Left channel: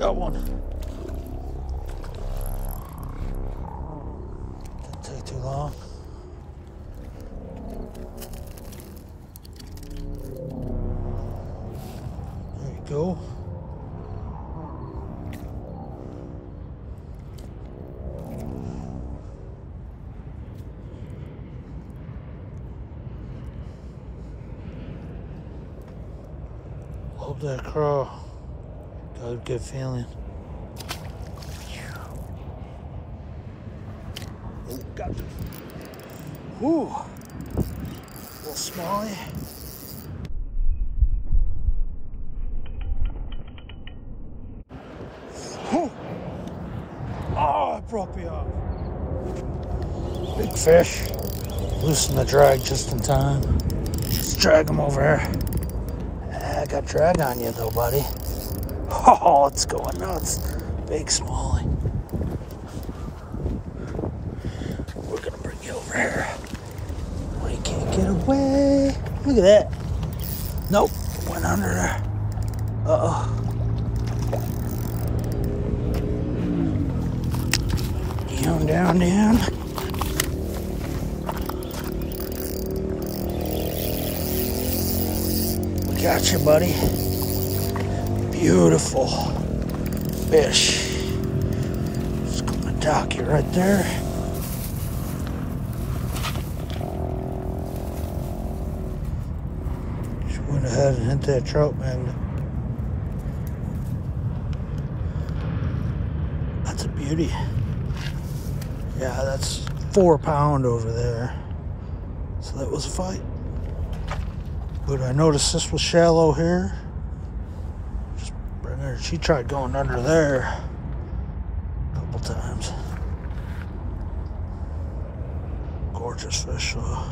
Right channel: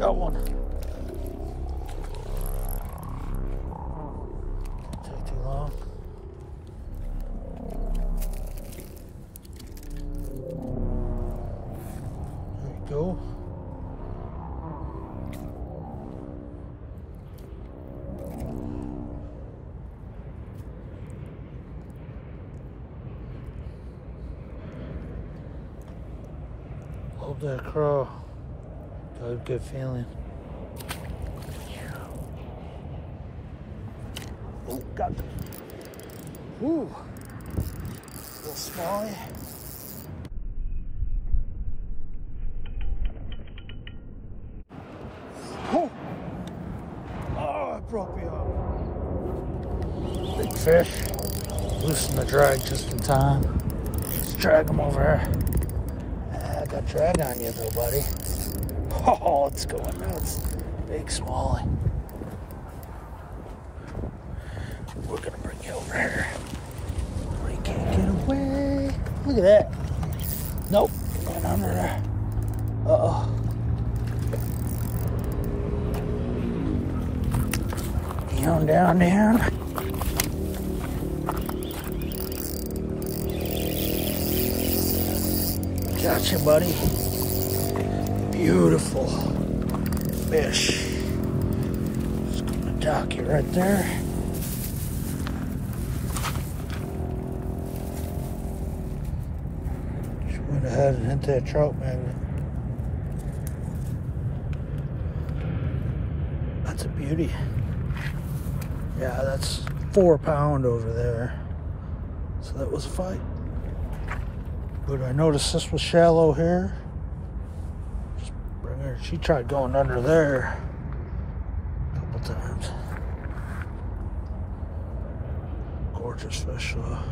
Got one. Didn't take too long. There you go. Love that craw. Got a good feeling. Oh, got it. Whew. Little smallie. Whew. Oh, it broke me off. Big fish. Loosen the drag just in time. Let's drag him over here. I got drag on you though, buddy. Oh, it's going nuts. Big smallie. We're gonna bring you over here where you can't get away. Look at that. Nope, went under there. Uh-oh. Down, down, down. We got you, buddy. Beautiful fish. Just gonna dock you right there. Just went ahead and hit that trout magnet. That's a beauty. Yeah, that's 4 pound over there. So that was a fight. But I noticed this was shallow here. Just bring her. She tried going under there a couple times. Gorgeous fish though.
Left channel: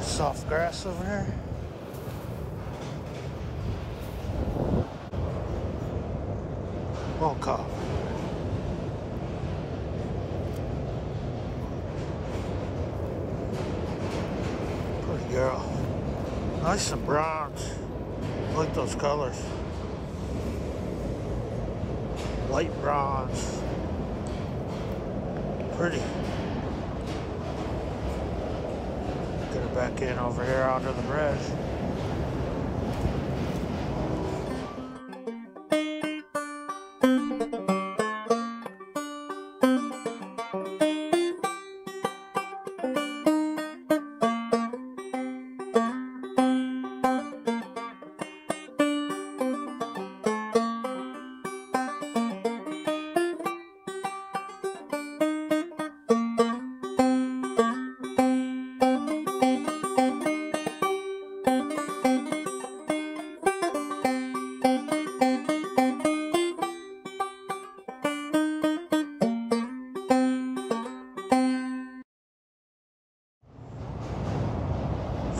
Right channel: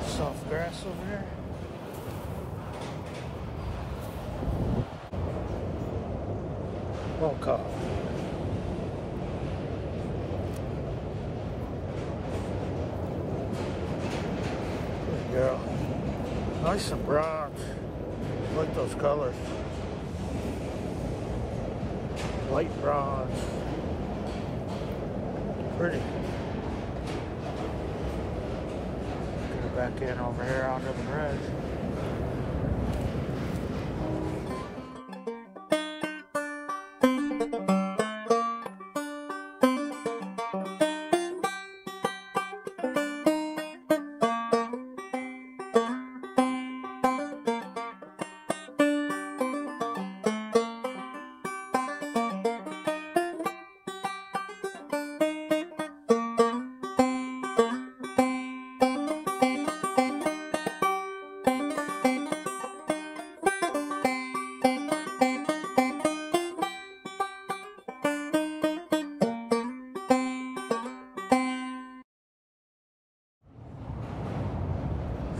Soft grass over here. Well caught. Pretty girl. Nice and bronze. I like those colors. Light bronze. Pretty. Get her back in over here onto the bridge.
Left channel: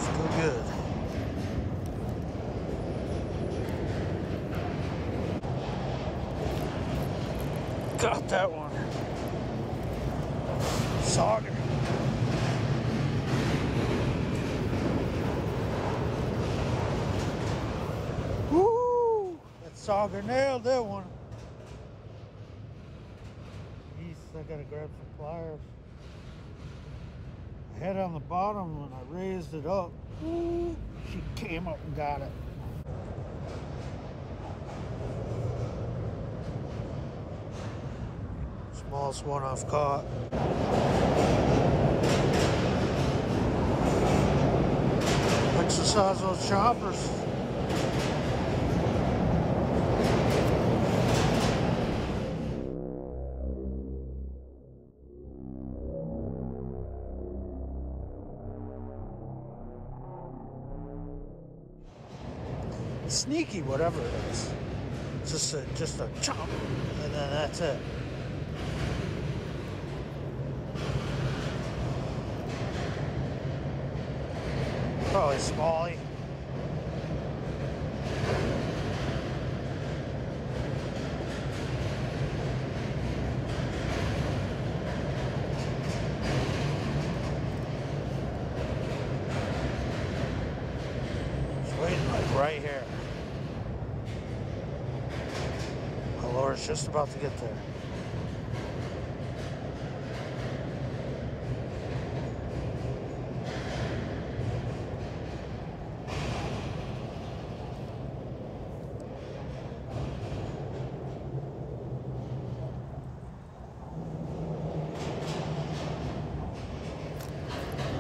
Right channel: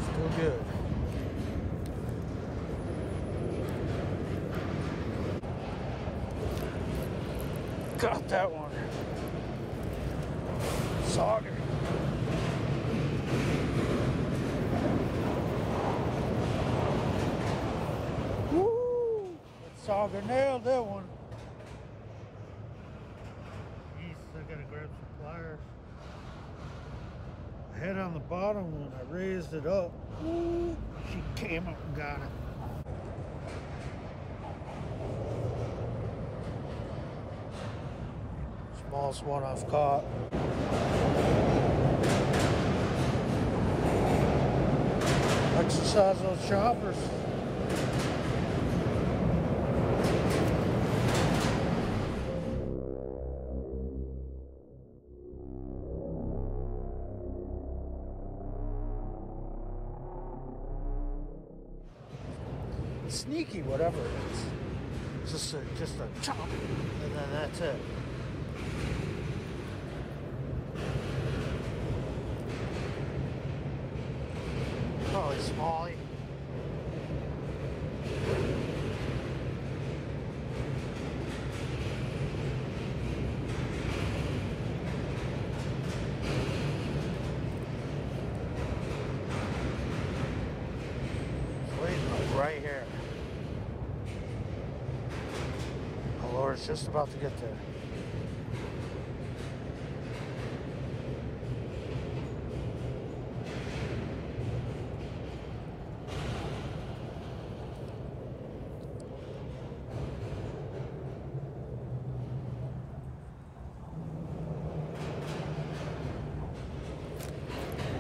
Still good. Got that one. Sauger. Woo! That Sauger nailed that one. Jeez, I gotta grab some pliers. Head on the bottom when I raised it up. She came up and got it. Smallest one I've caught. Exercise those choppers. Sneaky, whatever it is. Just a chomp, and then that's it. Probably smallie. It's waiting like right here. My lure's just about to get there.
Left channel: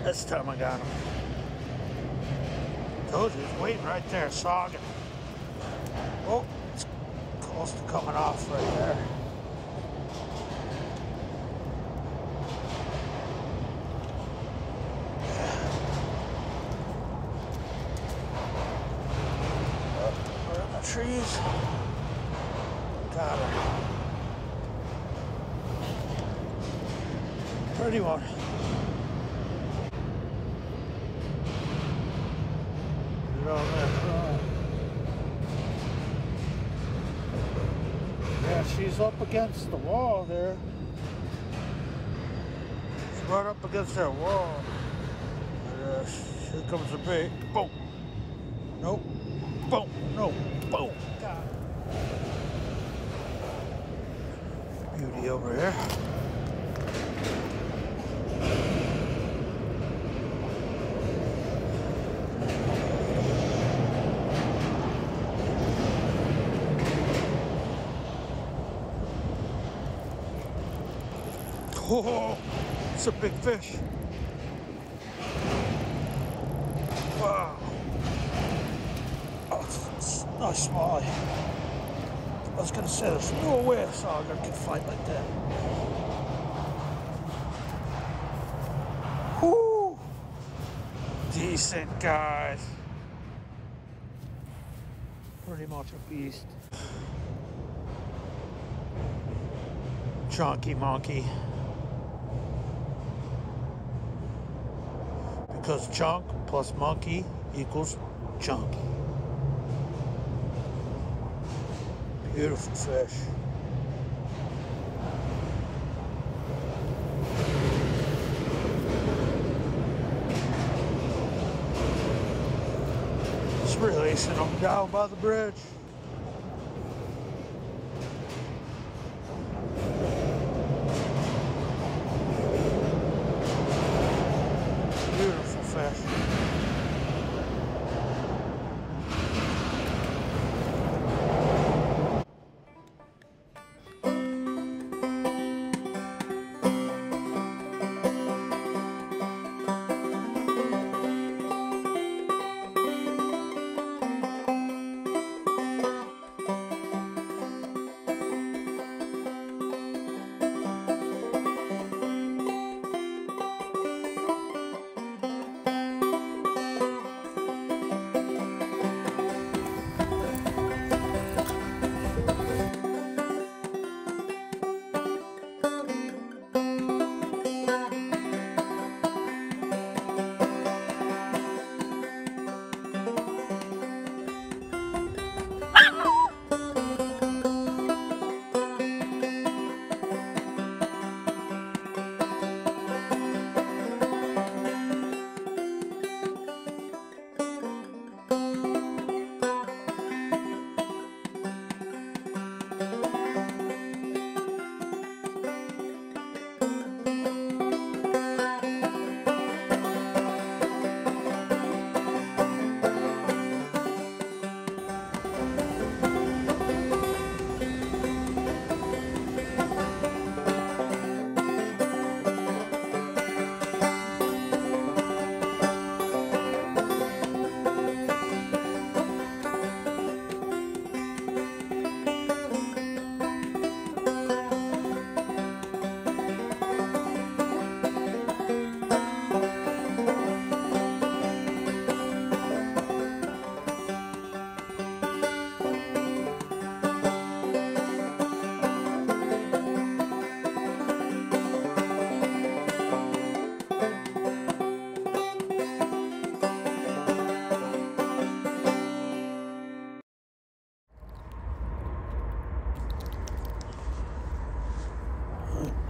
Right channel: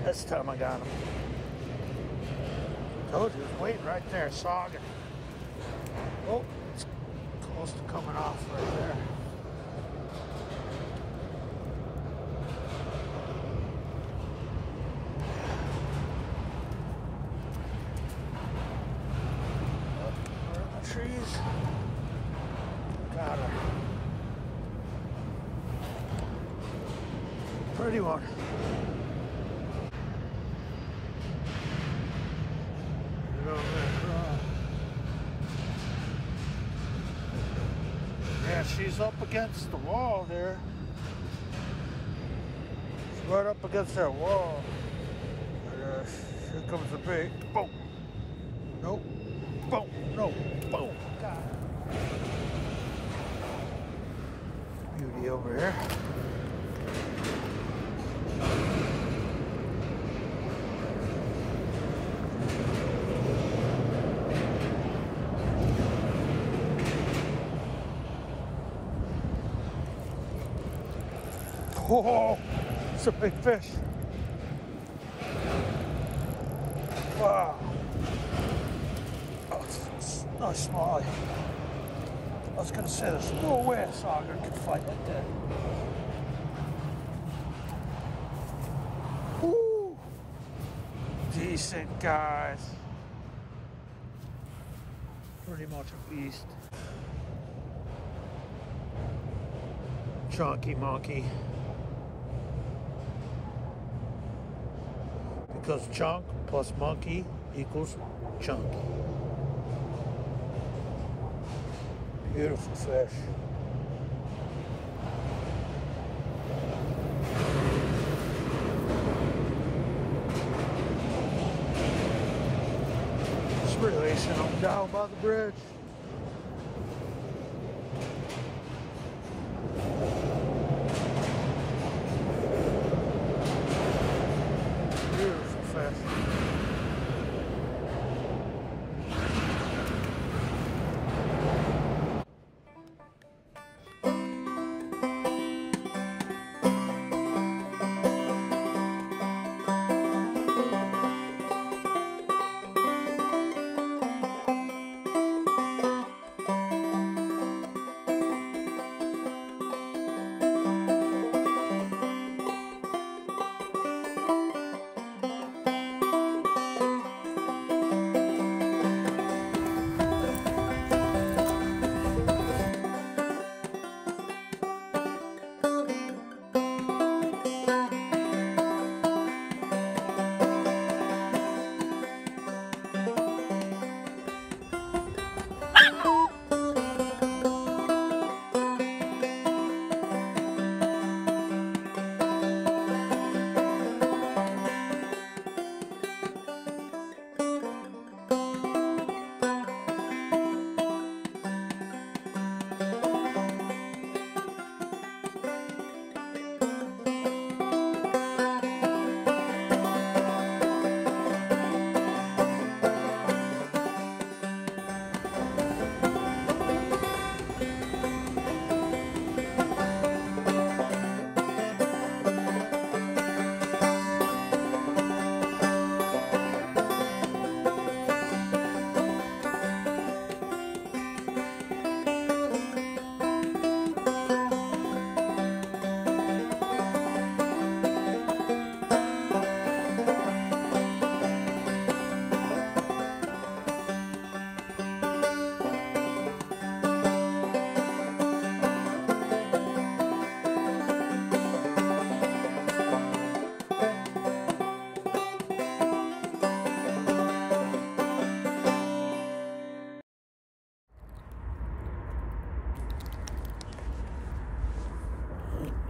This time I got him. Told you, he's waiting right there, Sauger. Oh, it's close to coming off right there. Up, we're in the trees. Got her. Pretty one. Yeah, she's up against the wall there. She's right up against that wall. Here comes the bait. Boom. Nope. Boom. No. Boom. Got it. Beauty over here. Oh, it's a big fish. Wow. Oh, it's nice smallie. I was going to say, there's no way a Sauger could fight like that. Whoo! Decent, guys. Pretty much a beast. Chunky monkey. Because chunk plus monkey equals chunky. Beautiful fish. Just releasing them down by the bridge. Beautiful fish.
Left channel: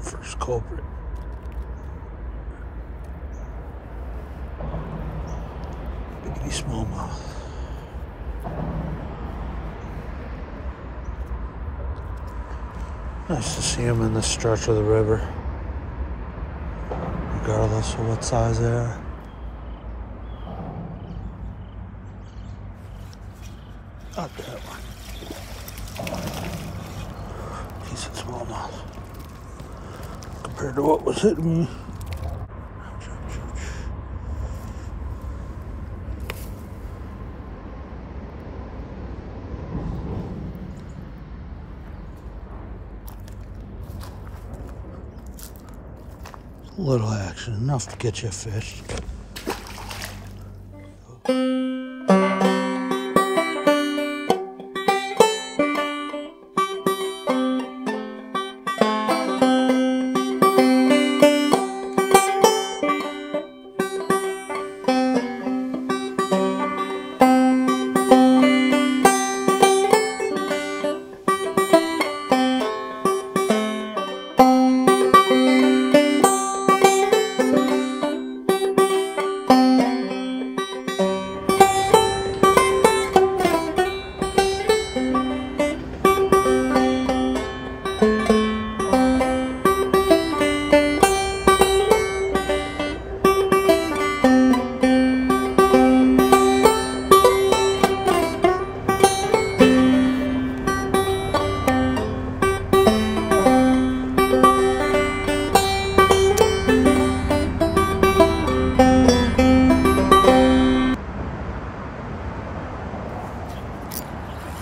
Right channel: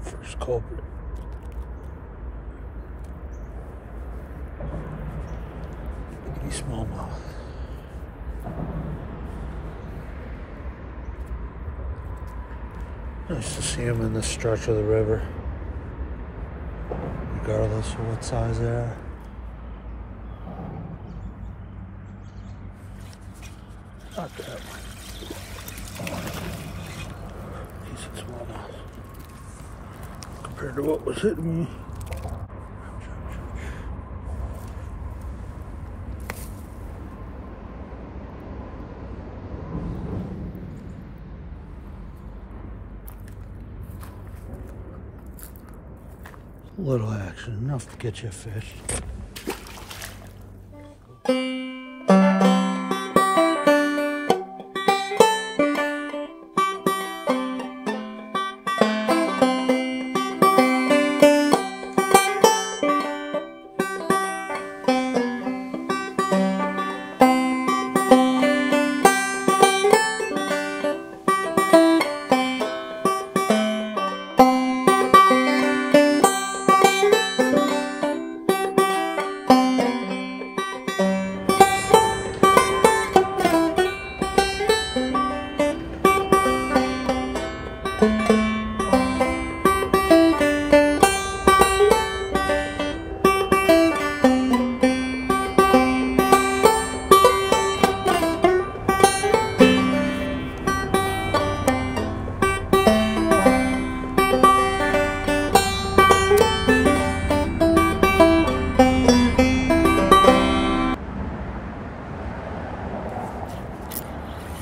First culprit. Baby smallmouth. Nice to see them in this stretch of the river, regardless of what size they are. Not that one. Decent smallmouth compared to what was hitting me. Ouch, ouch, ouch. A little action, enough to get you a fish.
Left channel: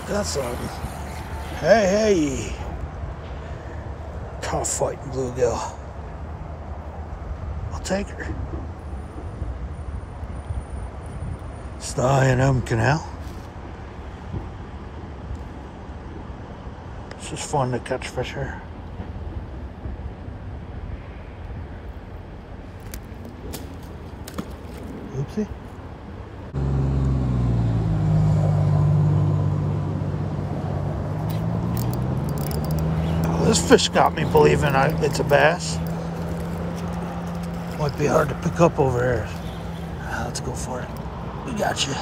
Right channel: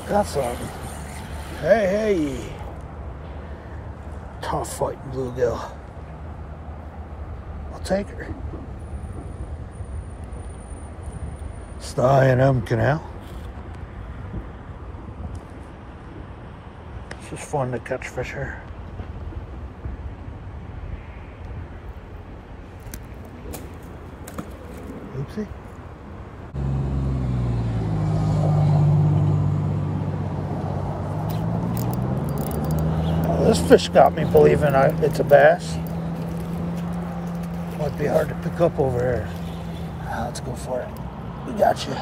Got something. Hey, hey. Tough fighting bluegill. I'll take her. It's the I&M Canal. It's just fun to catch fish here. Oopsie. This fish got me believing it's a bass. Might be hard to pick up over here. Let's go for it. We got you.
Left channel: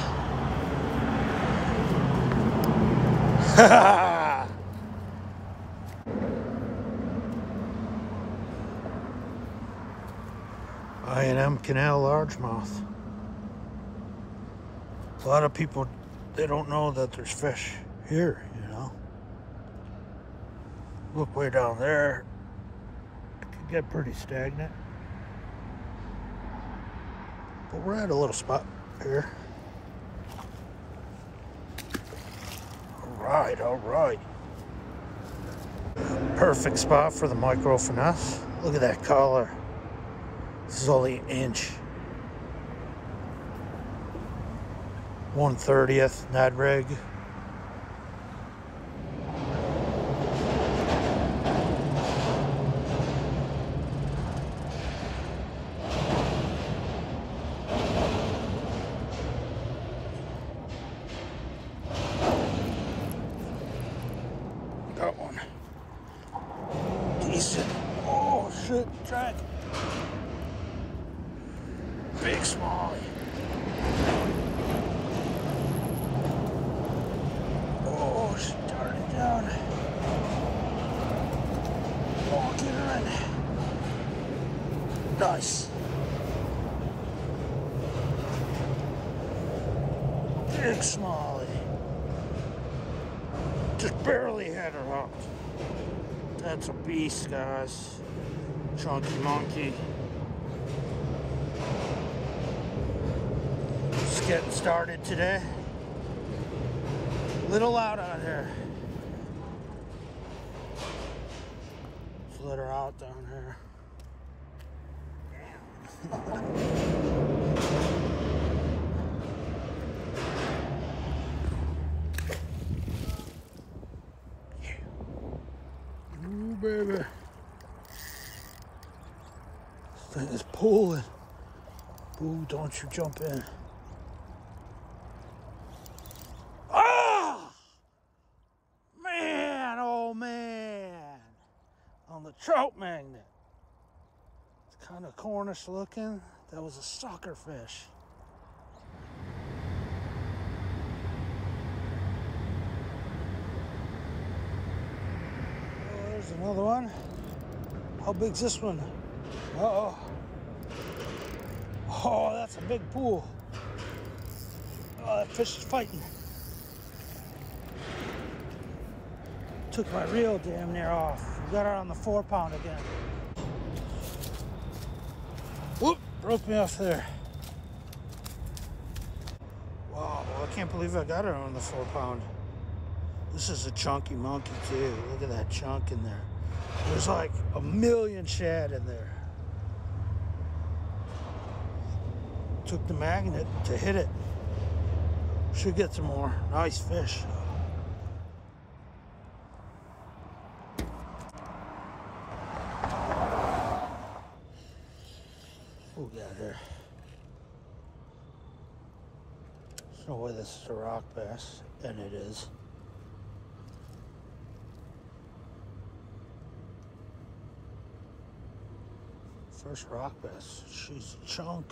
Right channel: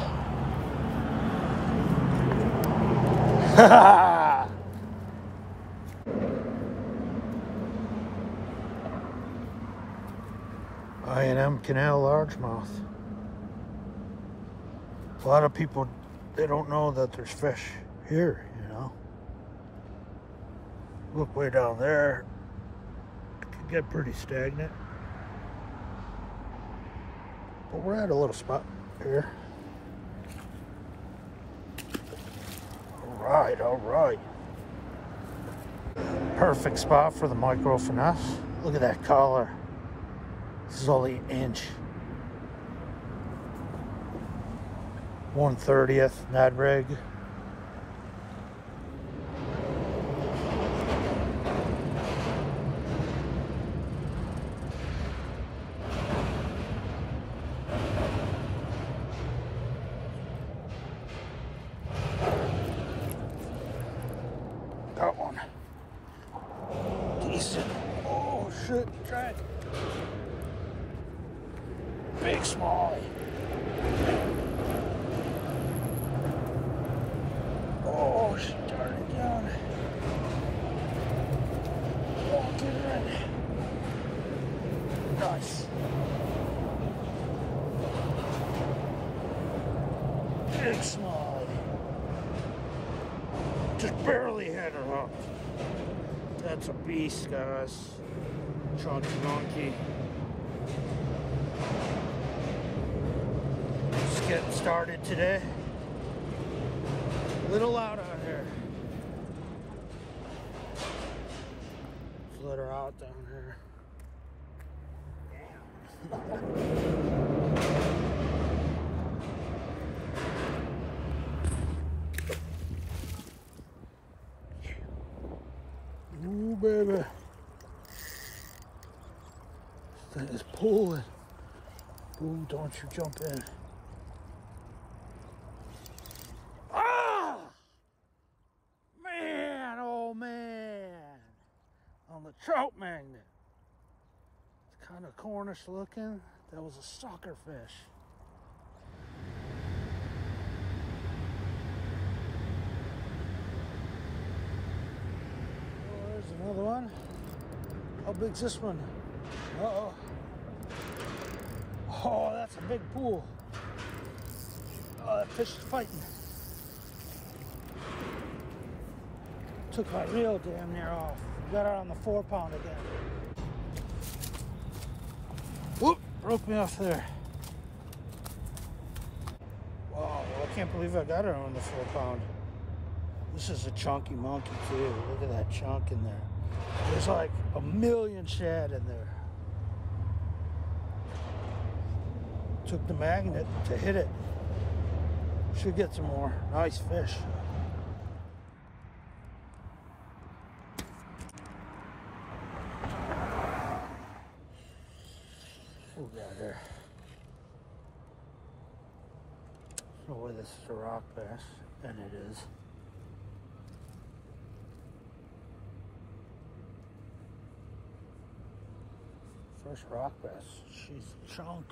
I&M Canal largemouth. A lot of people, they don't know that there's fish here, you know. Look way down there, it can get pretty stagnant. But we're at a little spot here. All right. Perfect spot for the micro finesse. Look at that collar. This is only an inch. 1/30th Ned rig. Got one. Decent. Oh shit, drag. Big smallie. Oh, she darted down. Oh, get her in. Nice. Big smallie. Just barely had her hooked. That's a beast, guys. Chunky monkey. Just getting started today. Little loud out here. Let's let her out down here. Ooh, baby. This thing is pulling. Ooh, don't you jump in. Ah! Man, oh man. On the trout magnet. It's kind of Cornish looking. That was a sucker fish. Oh, there's another one. How big's this one? Uh-oh. Oh, that's a big pool. Oh, that fish is fighting. Took my reel damn near off. Got her on the 4-pound again. Whoop, broke me off there. Wow, well, I can't believe I got her on the 4-pound. This is a chunky monkey too. Look at that chunk in there. There's like a million shad in there. Took the magnet to hit it. Should get some more. Nice fish. What we got here? There's no way this is a rock bass, and it is. First rock bass. She's a chunk.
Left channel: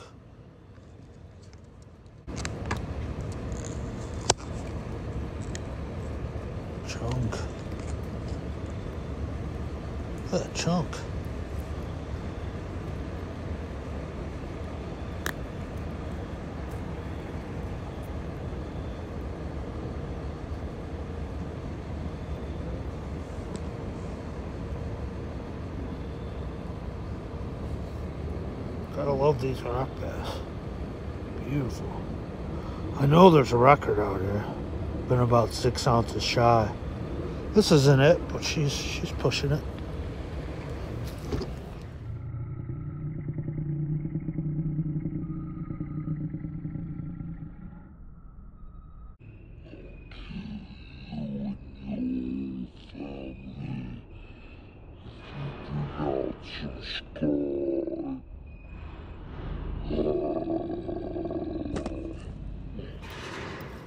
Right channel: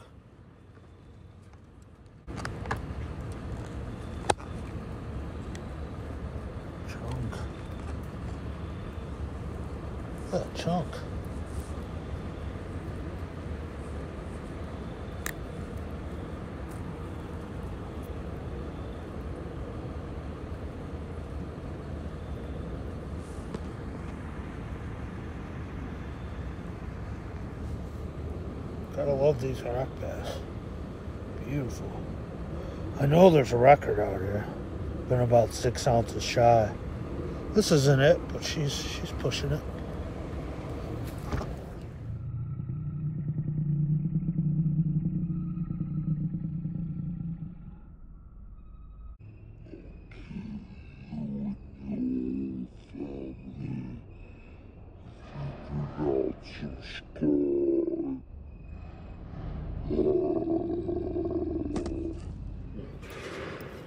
Chunk. Look at that chunk. Gotta love these rock bass. Beautiful. I know there's a record out here. Been about 6 ounces shy. This isn't it, but she's pushing it.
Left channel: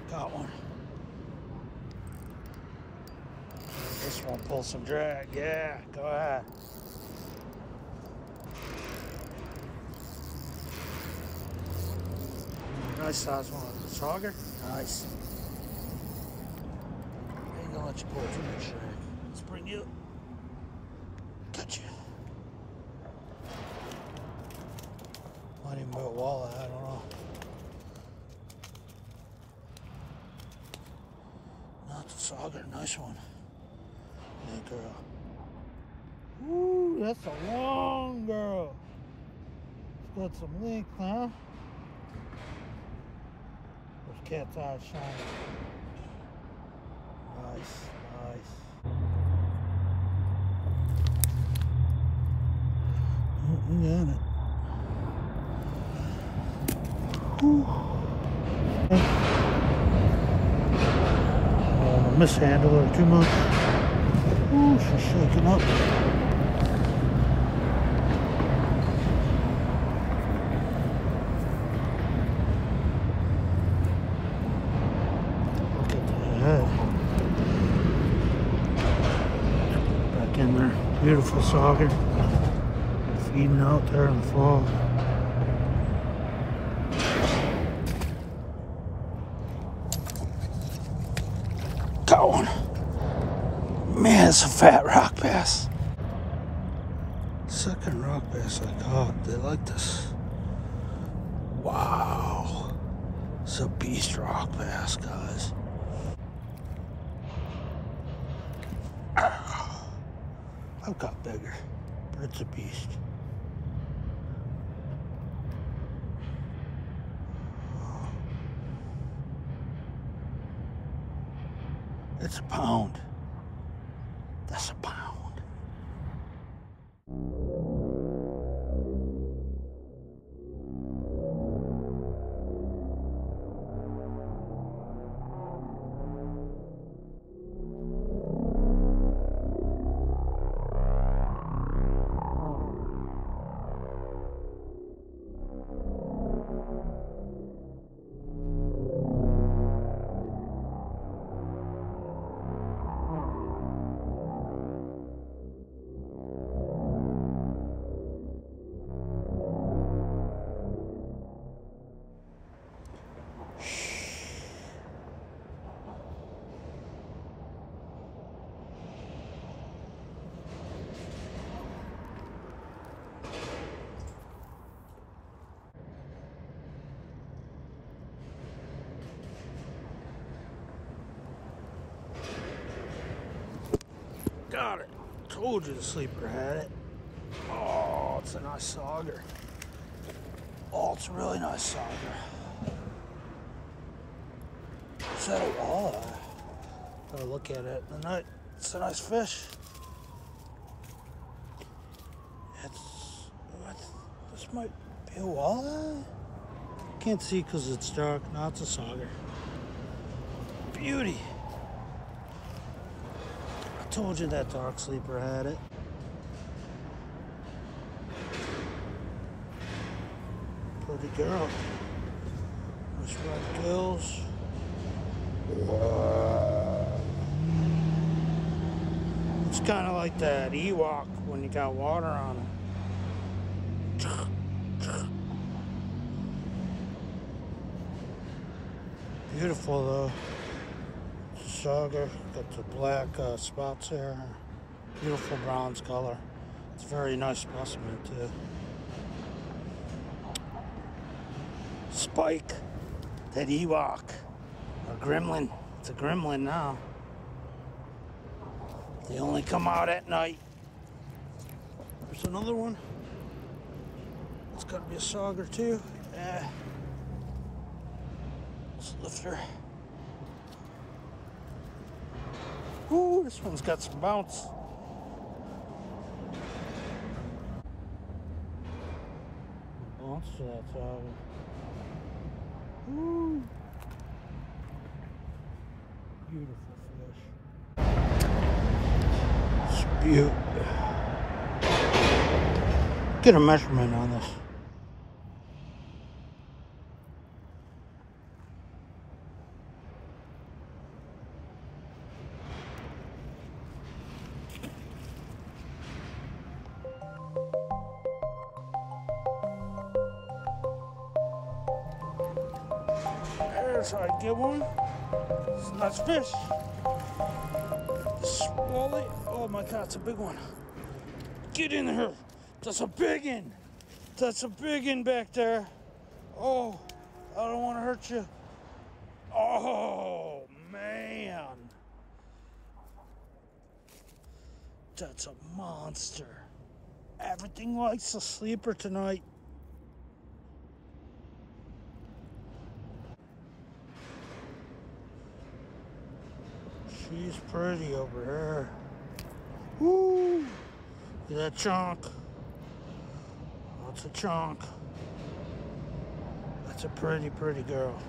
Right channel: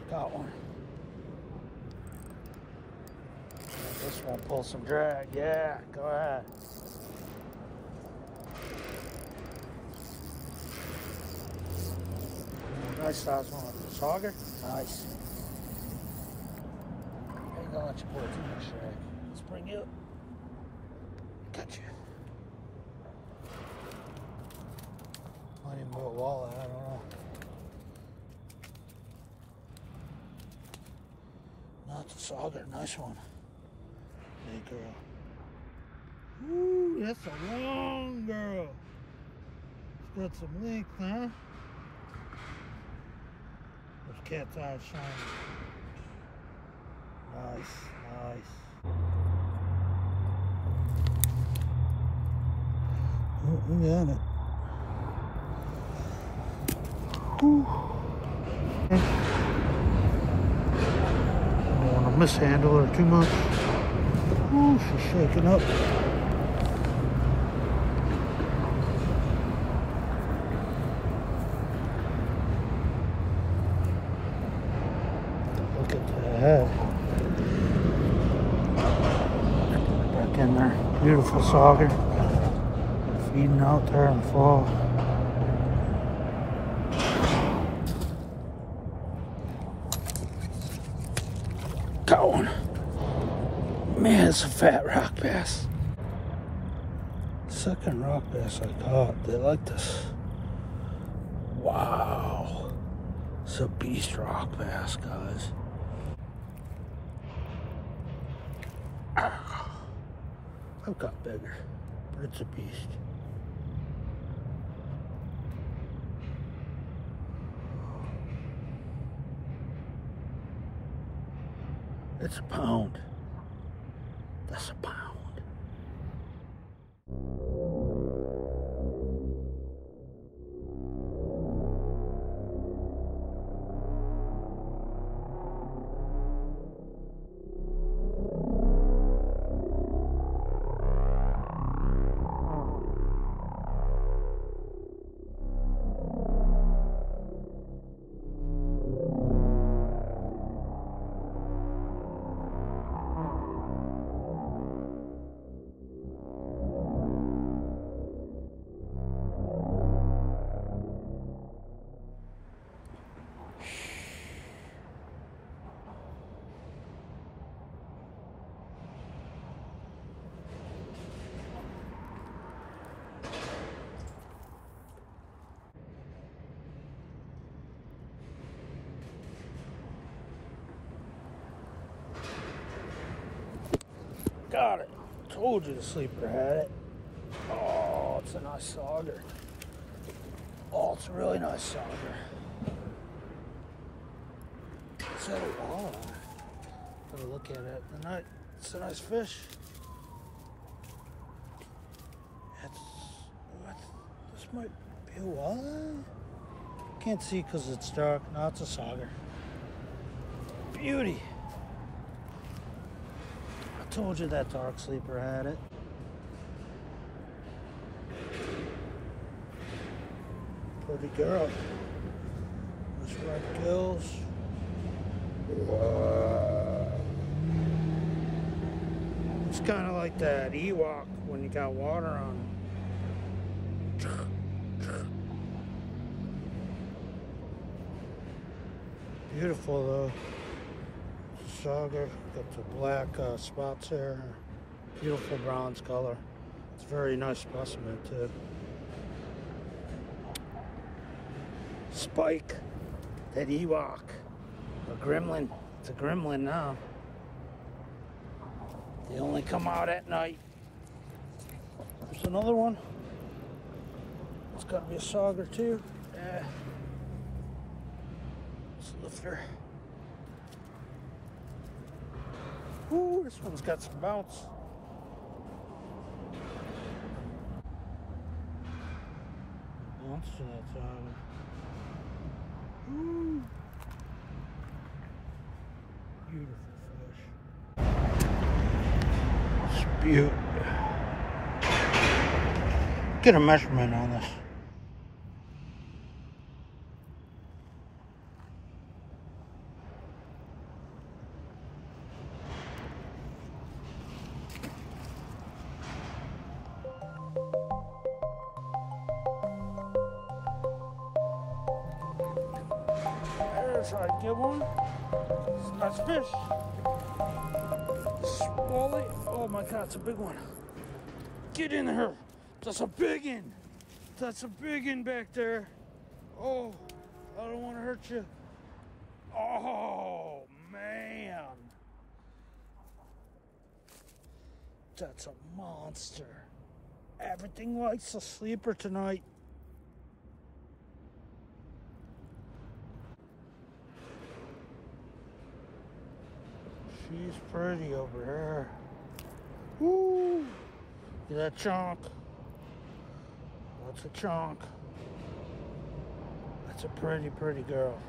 Got one. This one pull some drag. Yeah, go ahead. Nice size one. Sauger? Nice. I ain't gonna let you pull too much drag. Let's bring you up. Gotcha. Might even be a walleye, I don't know. Not the Sauger, nice one. Hey girl. Ooh, that's a long girl. It's got some length, huh? Those cat's eyes shining. Nice, nice. Oh, we got it. Whew. I don't want to mishandle her too much. Ooh, she's shaking up. Look at that. Get her back in there. Beautiful sauger. Feeding out there in the fall. Got one. Man, it's a fat rock bass. Second rock bass I caught. They like this. Wow. It's a beast rock bass, guys. I've got bigger, but it's a beast. It's a pound. That's a pound. Got it. Told you the sleeper had it. Oh, it's a nice sauger. Oh, it's a really nice sauger. Is that a walleye? Gotta look at it in the night. It's a nice fish. This might be a walleye. Can't see because it's dark. No, it's a sauger. Beauty. I told you that dark sleeper had it. Pretty girl. Nice red gills. It's kind of like that Ewok when you got water on him. Beautiful though. Sauger, got the black spots there. Beautiful bronze color. It's a very nice specimen too. Spike, that Ewok, a gremlin. It's a gremlin now. They only come out at night. There's another one. It's got to be a sauger too. Yeah. Let's lift her. Ooh, this one's got some bounce. Bounce to that sauger. Ooh. Beautiful fish. It's beautiful. Get a measurement on this. There's how I get one. It's a nice fish. Walleye. Oh my God, it's a big one. Get in there. That's a big one. That's a big one back there. Oh, I don't want to hurt you. Oh, man. That's a monster. Everything likes a sleeper tonight. She's pretty over here. Woo! Look at that chunk. That's a chunk. That's a pretty, pretty girl.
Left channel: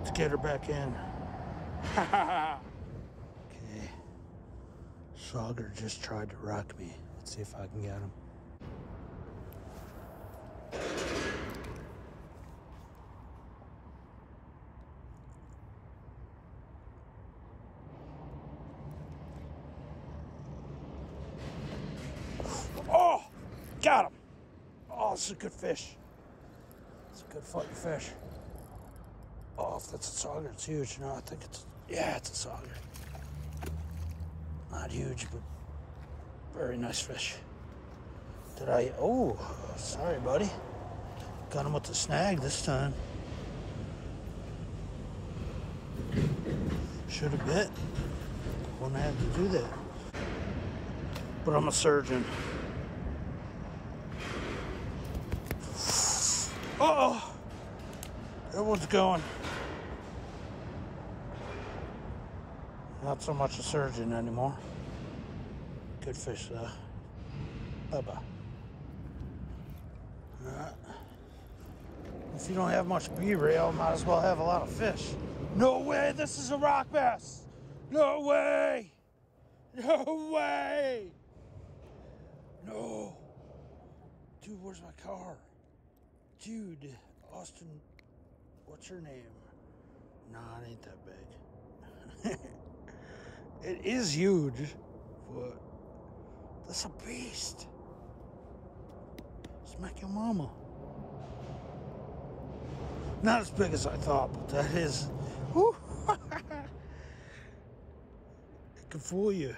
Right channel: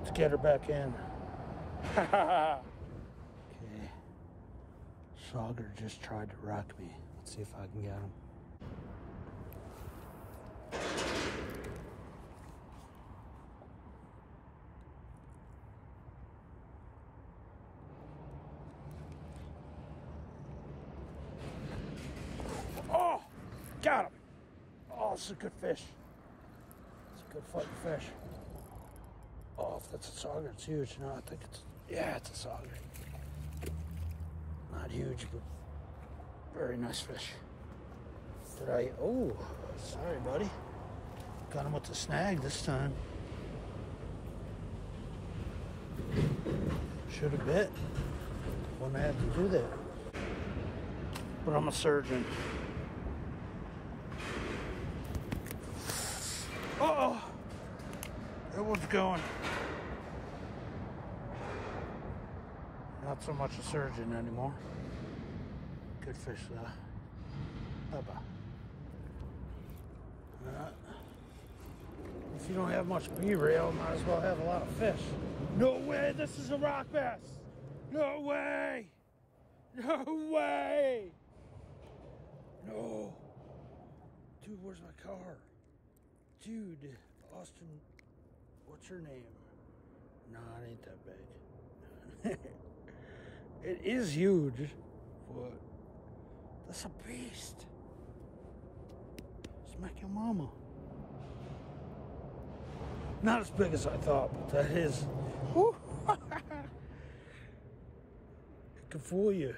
Let's get her back in. Okay. Sauger just tried to rock me. Let's see if I can get him. Oh, got him. Oh, this is a good fish. It's a good fucking fish. Oh, if that's a sauger, it's huge. No, I think it's, yeah, it's a sauger. Not huge, but very nice fish. Oh, sorry, buddy. Got him with the snag this time. Should have bit. Wouldn't have to do that. But I'm a surgeon. Uh-oh. That one's going. Not so much a surgeon anymore. Good fish though. Bye-bye. Alright. If you don't have much B-rail, might as well have a lot of fish. No way, this is a rock bass. No way. No way. No. Dude, where's my car? Dude, Austin, what's your name? Nah, it ain't that big. It is huge, but that's a beast. Smack your mama. Not as big as I thought, but that is. Whew. It can fool you.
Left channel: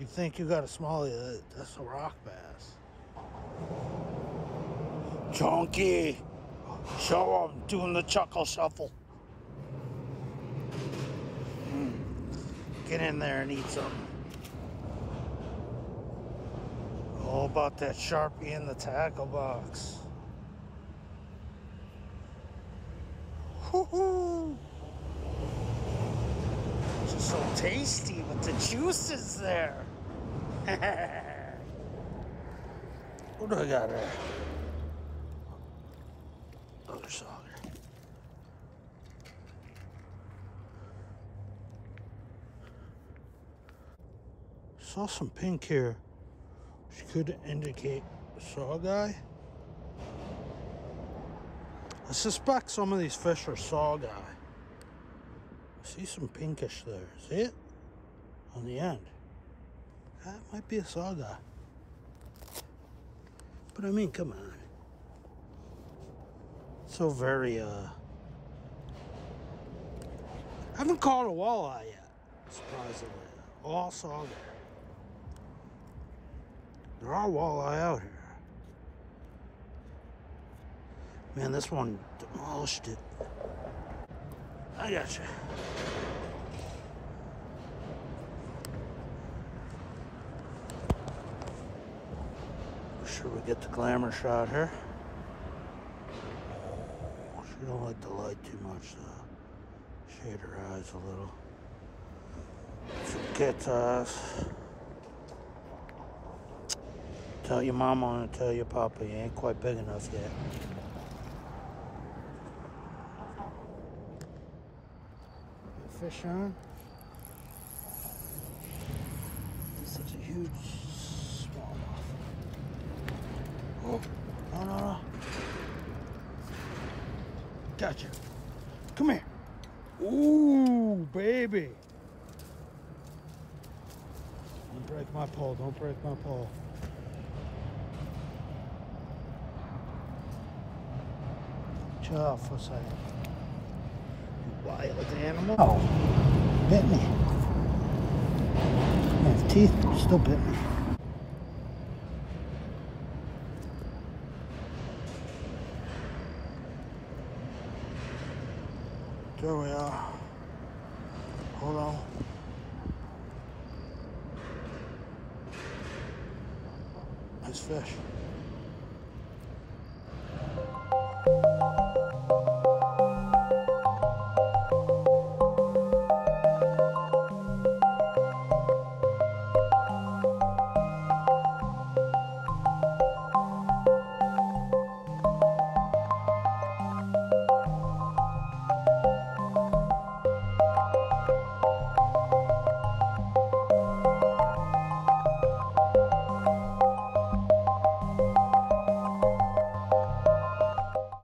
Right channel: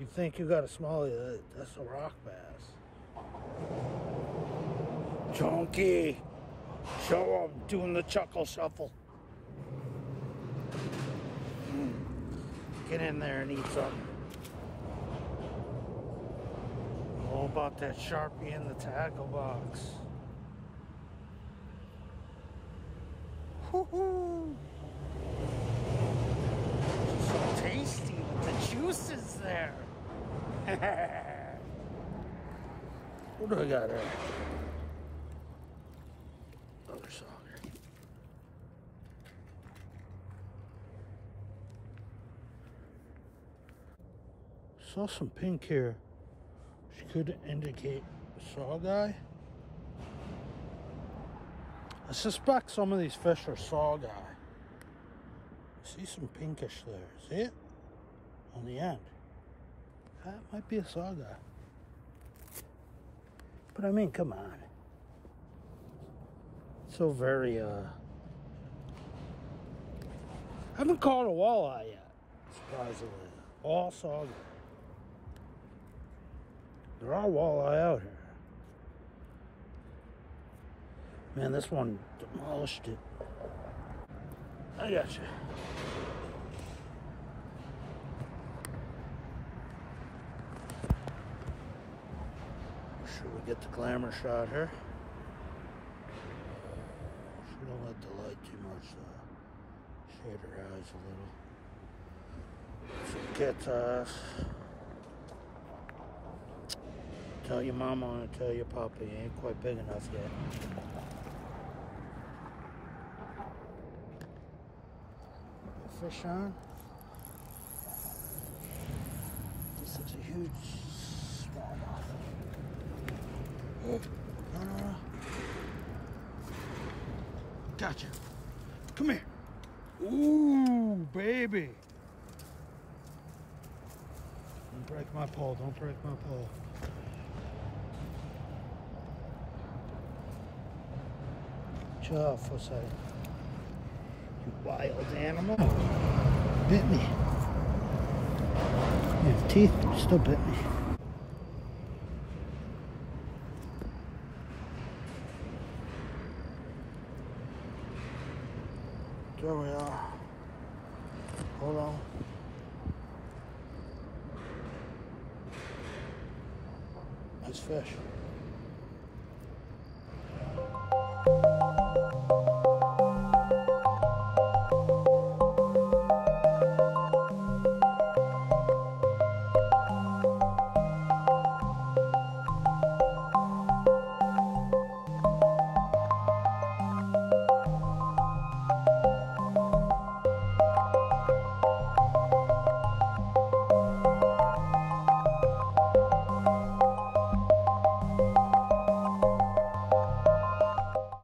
You think you got a smallie, that's a rock bass. Chunky. Show him doing the chuckle shuffle. Get in there and eat something. All about that Sharpie in the tackle box. Woohoo! Just so tasty with the juices there. What do I got there? Another Sauger. Saw some pink here, which could indicate a saw guy. I suspect some of these fish are saw guy. I see some pinkish there. See it? On the end. That might be a saw guy. But I mean, come on. So very, I haven't caught a walleye yet, surprisingly. All Sauger. There are walleye out here. Man, this one demolished it. I got you. Sure we get the glamour shot here. She don't like the light too much though. Shade her eyes a little. So get us. Tell your mama and tell your papa you ain't quite big enough yet. Fish on. This is a huge smallmouth. Oh, no. Gotcha. Come here. Ooh, baby. Don't break my pole. Don't break my pole. Chill out for a second. You wild animal. Oh, bit me. I have teeth, but it still bit me. There we are. Hold on. Nice fish.